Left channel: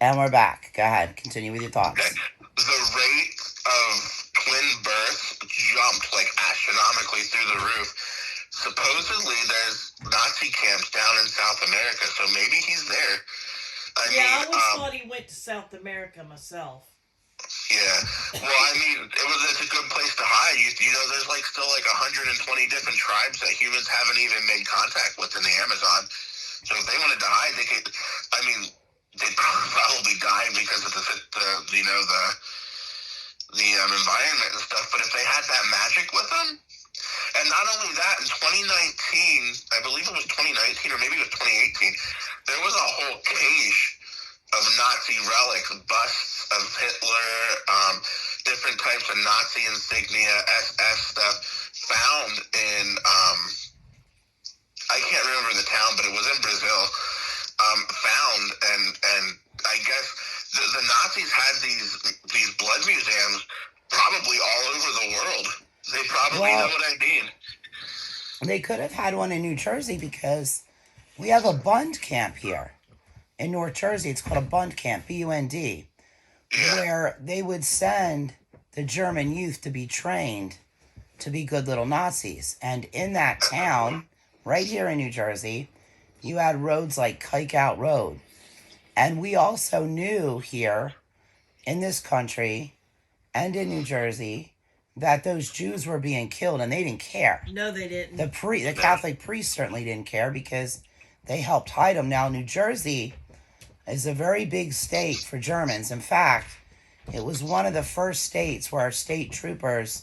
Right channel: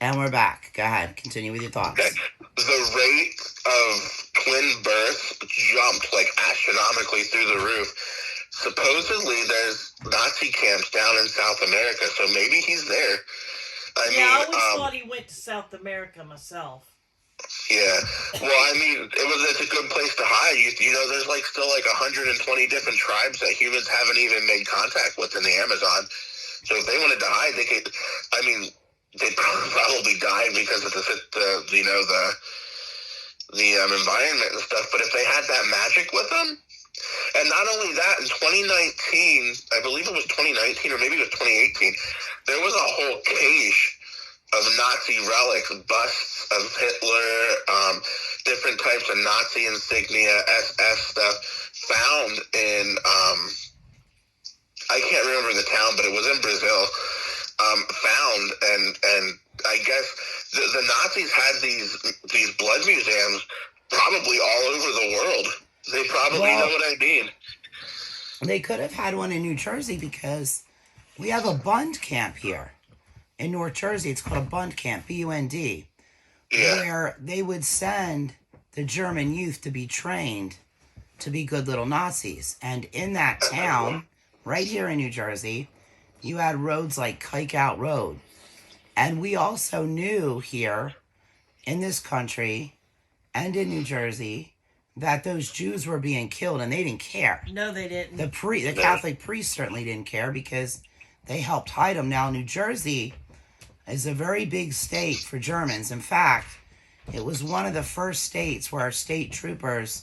And we're back. Go ahead. Continue with your Okay. thoughts. The rate of twin births jumped like astronomically through the roof. Supposedly, there's Nazi camps down in South America, so maybe he's there. I always thought he went to South America myself. Yeah. Well, it's a good place to hide. You know, there's still 120 different tribes that humans haven't even made contact with in the Amazon. So if they wanted to hide, they could. They'd probably die because of the environment and stuff. But if they had that magic with them, and not only that, in 2019, I believe it was 2019 or maybe it was 2018, there was a whole cache of Nazi relics, busts of Hitler, different types of Nazi insignia, SS stuff, found in, I can't remember the town, but it was in Brazil, found, and I guess the Nazis had these blood museums probably all over the world. They probably know what I mean. They could have had one in New Jersey because we have a Bund camp here in North Jersey. It's called a Bund camp, B-U-N-D, where they would send the German youth to be trained to be good little Nazis. And in that town, right here in New Jersey, you had roads like Kike Out Road. And we also knew here in this country and in New Jersey that those Jews were being killed, and they didn't care. No, they didn't. The Catholic priests certainly didn't care because they helped hide them. Now, New Jersey is a very big state for Germans. In fact, it was one of the first states where our state troopers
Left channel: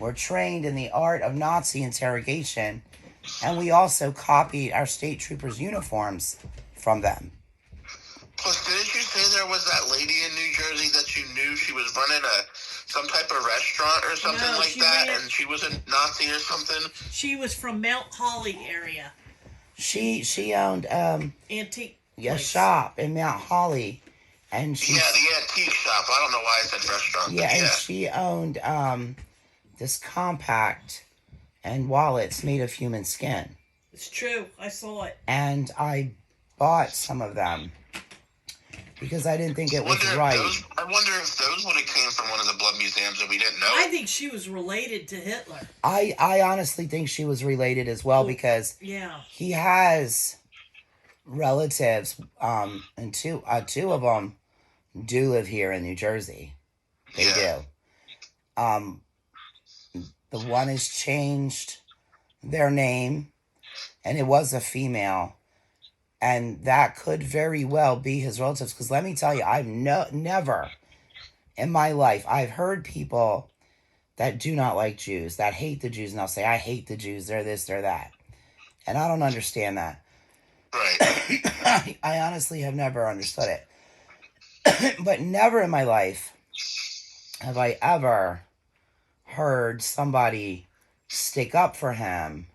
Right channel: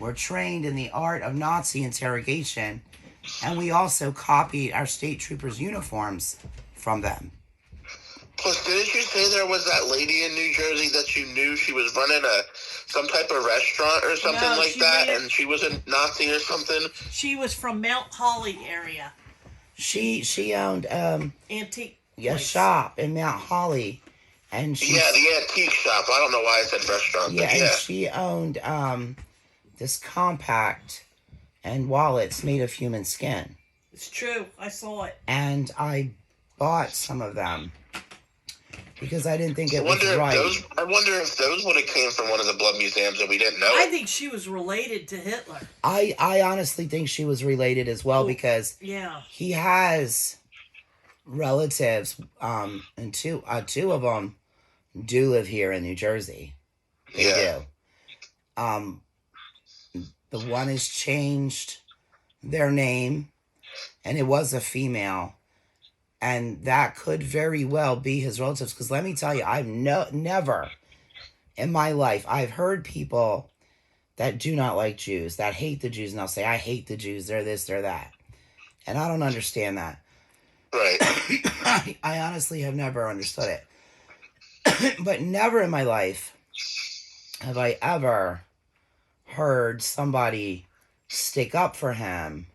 were trained in the art of Nazi interrogation, and we also copied our state troopers' uniforms from them. Plus, didn't you say there was that lady in New Jersey that you knew? She was running some type of restaurant or something like that, and she was a Nazi or something? She was from Mount Holly area. She owned antique shop in Mount Holly, and the antique shop. I don't know why I said restaurant. Yeah, and she owned this compact and wallets made of human skin. It's true. I saw it. And I bought some of them because I didn't think it was right. I wonder if those would have came from one of the blood museums that we didn't know. I think she was related to Hitler. I honestly think she was related as well because he has relatives, and two of them do live here in New Jersey. They do. The one has changed their name, and it was a female. And that could very well be his relatives. Because let me tell you, I've never in my life, I've heard people that do not like Jews, that hate the Jews, and they'll say, I hate the Jews, they're this, they're that. And I don't understand that. Right. I honestly have never understood it. But never in my life have I ever heard somebody stick up for him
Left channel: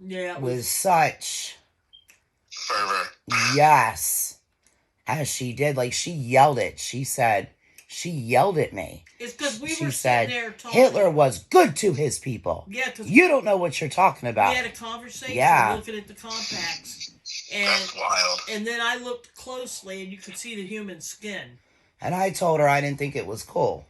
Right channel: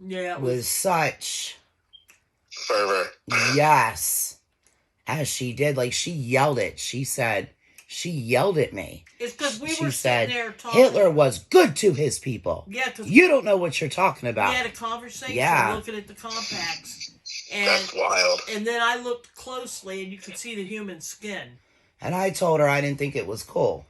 with such fervor. Yes. As she did. Like, she yelled it. She yelled at me. It's because we were sitting there talking. Hitler was good to his people. Yeah, because you don't know what you're talking about. We had a conversation looking at the compacts. And, that's wild. And then I looked closely, and you could see the human skin. And I told her I didn't think it was cool.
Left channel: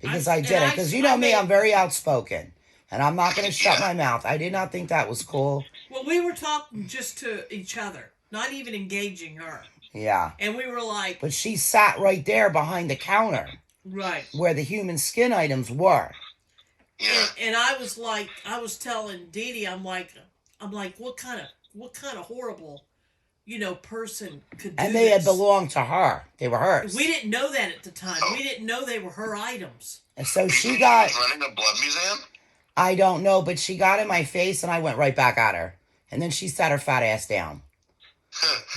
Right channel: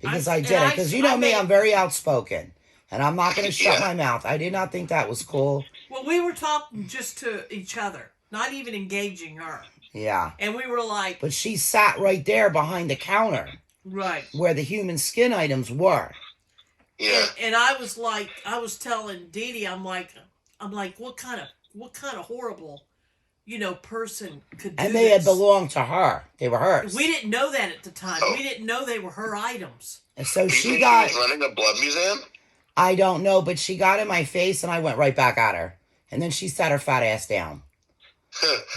Because I didn't. Because you know me, I'm very outspoken. And I'm not going to shut my mouth. I did not think that was cool. Well, we were talking just to each other, not even engaging her. Yeah. And we were like... But she sat right there behind the counter. Right. Where the human skin items were. Yeah. And I was like, I was telling Dee Dee, I'm like, what kind of horrible, person could do And they had belonged to her. They were hers. We didn't know that at the time. Oh. We didn't know they were her items. And so she got... She was running a blood museum? I don't know, but she got in my face and I went right back at her. And then she sat her fat ass down.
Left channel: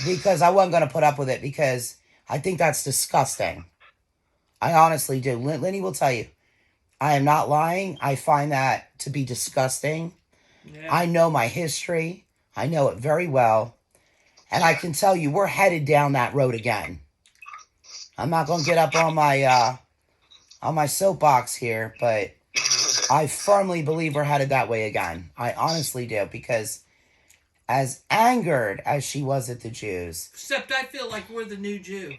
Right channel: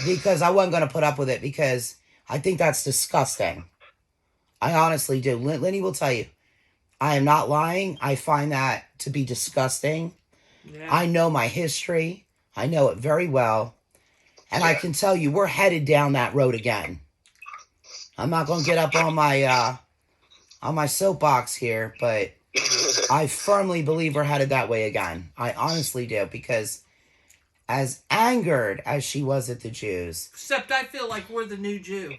Because I wasn't going to put up with it because I think that's disgusting. I honestly do. Lenny will tell you. I am not lying. I find that to be disgusting. Yeah. I know my history. I know it very well. And I can tell you we're headed down that road again. I'm not going to get up on my soapbox here, but I firmly believe we're headed that way again. I honestly do, because as angered as she was at the Jews... Except I feel like we're the new Jew.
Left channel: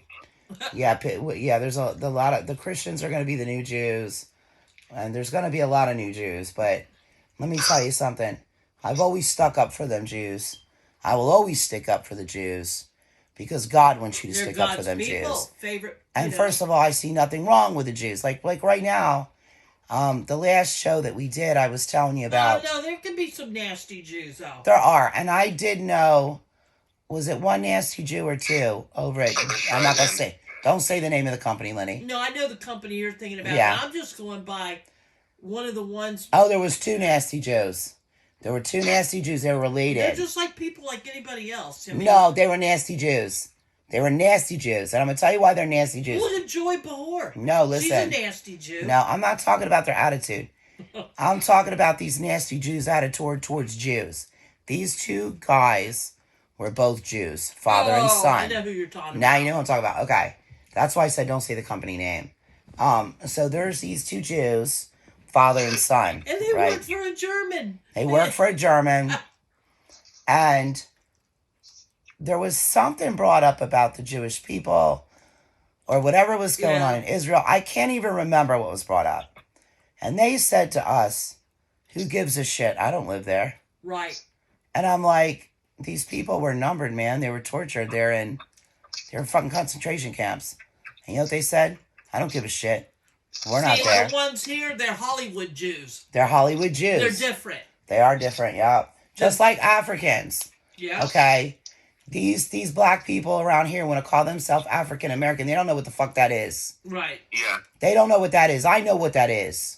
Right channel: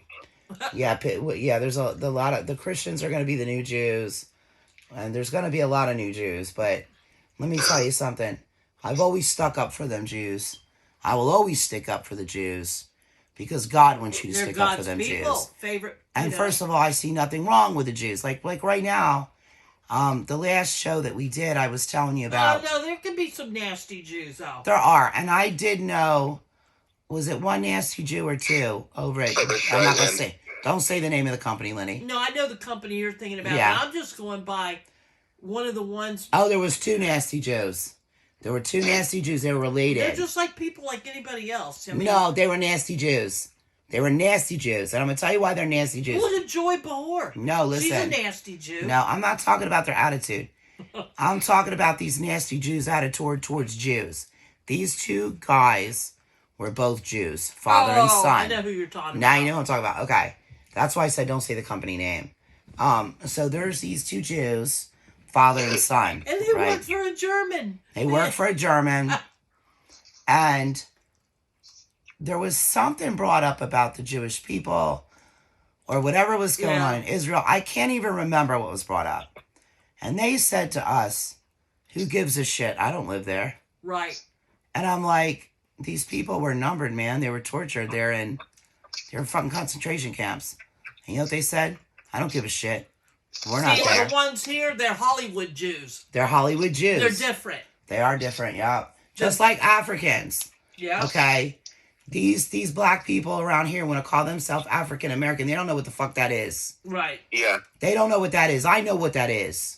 Yeah. There's a lot of the Christians are going to be the new Jews, and there's going to be a lot of new Jews. But let me tell you something. I've always stuck up for them Jews. I will always stick up for the Jews because God wants you to stick up for them Jews. Favorite. And first of all, I see nothing wrong with the Jews. Like right now, the last show that we did, I was telling you about. No, there can be some nasty Jews out. There are, and I did know. Was it one nasty Jew or two over it? I'm not gonna say. Don't say the name of the company, Lenny. No, I know the company you're thinking about. Yeah. I'm just going by one of the ones. Oh, there was two nasty Jews. There were two nasty Jews. They were related. They're just like people like anybody else. I mean, No, they were nasty Jews. They were nasty Jews, and I'm gonna tell you why they're nasty Jews. look at Joy Behar. No, listen. She's a nasty Jew. No, I'm not talking about their attitude. I'm talking about these nasty Jews' attitude towards Jews. These two guys were both Jews, father and son. I know who you're talking Now about. you know what I'm talking about. Okay. That's why I said don't say the company name. So there's these two Jews, father and son. And they right? work for a German. They work for a German. And there was something brought up about the Jewish people or whatever was going on in Israel. I can't even remember what was brought up. And they said to us, who gives a shit? I don't live there. Right. And I'm like, these people were numbered, man. They were tortured. They're in fucking concentration camps. And you know what they said? I don't give a shit. We're not there. The ones here, they're Hollywood Jews. They're Hollywood Jews. They're different. They are different, yeah. Just like Africans. Yeah. Okay? These black people around here want to call themselves African American. They don't know what the fuck that is. Right. Yeah. They don't know what that is. I know what that is.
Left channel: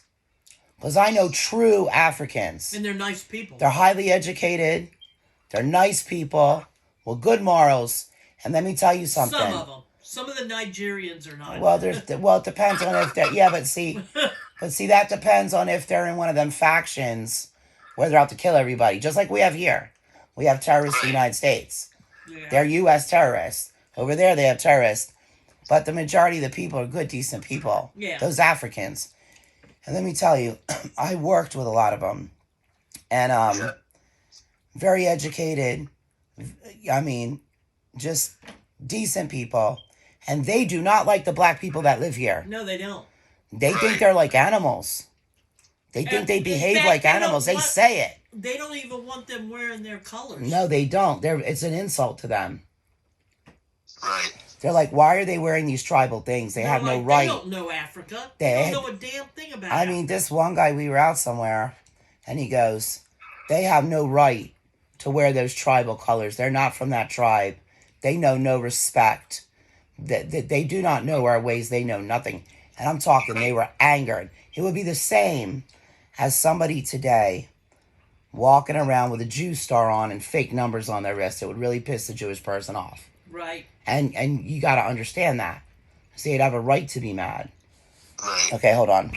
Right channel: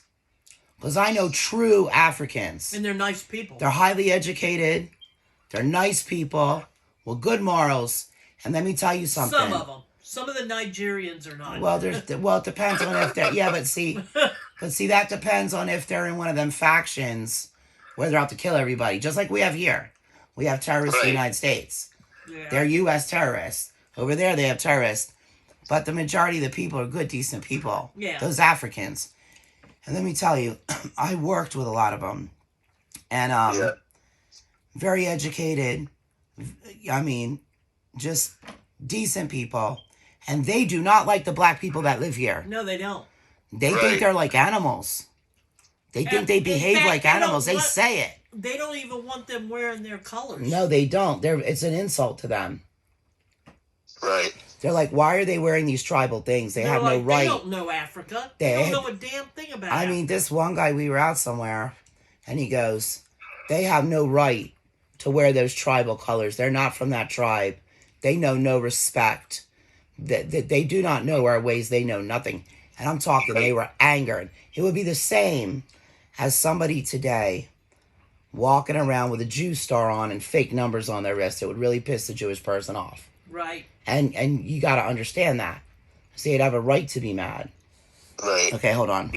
Because I know true Africans. And they're nice people. They're highly educated. They're nice people with good morals. And let me tell you something. Some of them. Some of the Nigerians are not. Well, it depends on if they're, yeah, but see, that depends on if they're in one of them factions where they're out to kill everybody. Just like we have here. We have terrorists in the United States. Yeah. They're U.S. terrorists. Over there, they have terrorists. But the majority of the people are good, decent people. Yeah. Those Africans. And let me tell you, I worked with a lot of them. And very educated. I mean, just decent people. And they do not like the black people that live here. No, they don't. They think they're like animals. They think they behave like animals. They say it. They don't even want them wearing their colors. No, they don't. It's an insult to them. Right. They're like, why are they wearing these tribal things? They have no right. They don't know Africa. They don't know a damn thing about Africa. I mean, this one guy, we were out somewhere, and he goes, they have no right to wear those tribal colors. They're not from that tribe. They know no respect. They do not know our ways. They know nothing. And I'm talking, they were angered. It would be the same as somebody today walking around with a Jew star on and fake numbers on their wrist. It would really piss the Jewish person off. Right. And you got to understand that. See, they'd have a right to be mad. Right. Okay, hold on.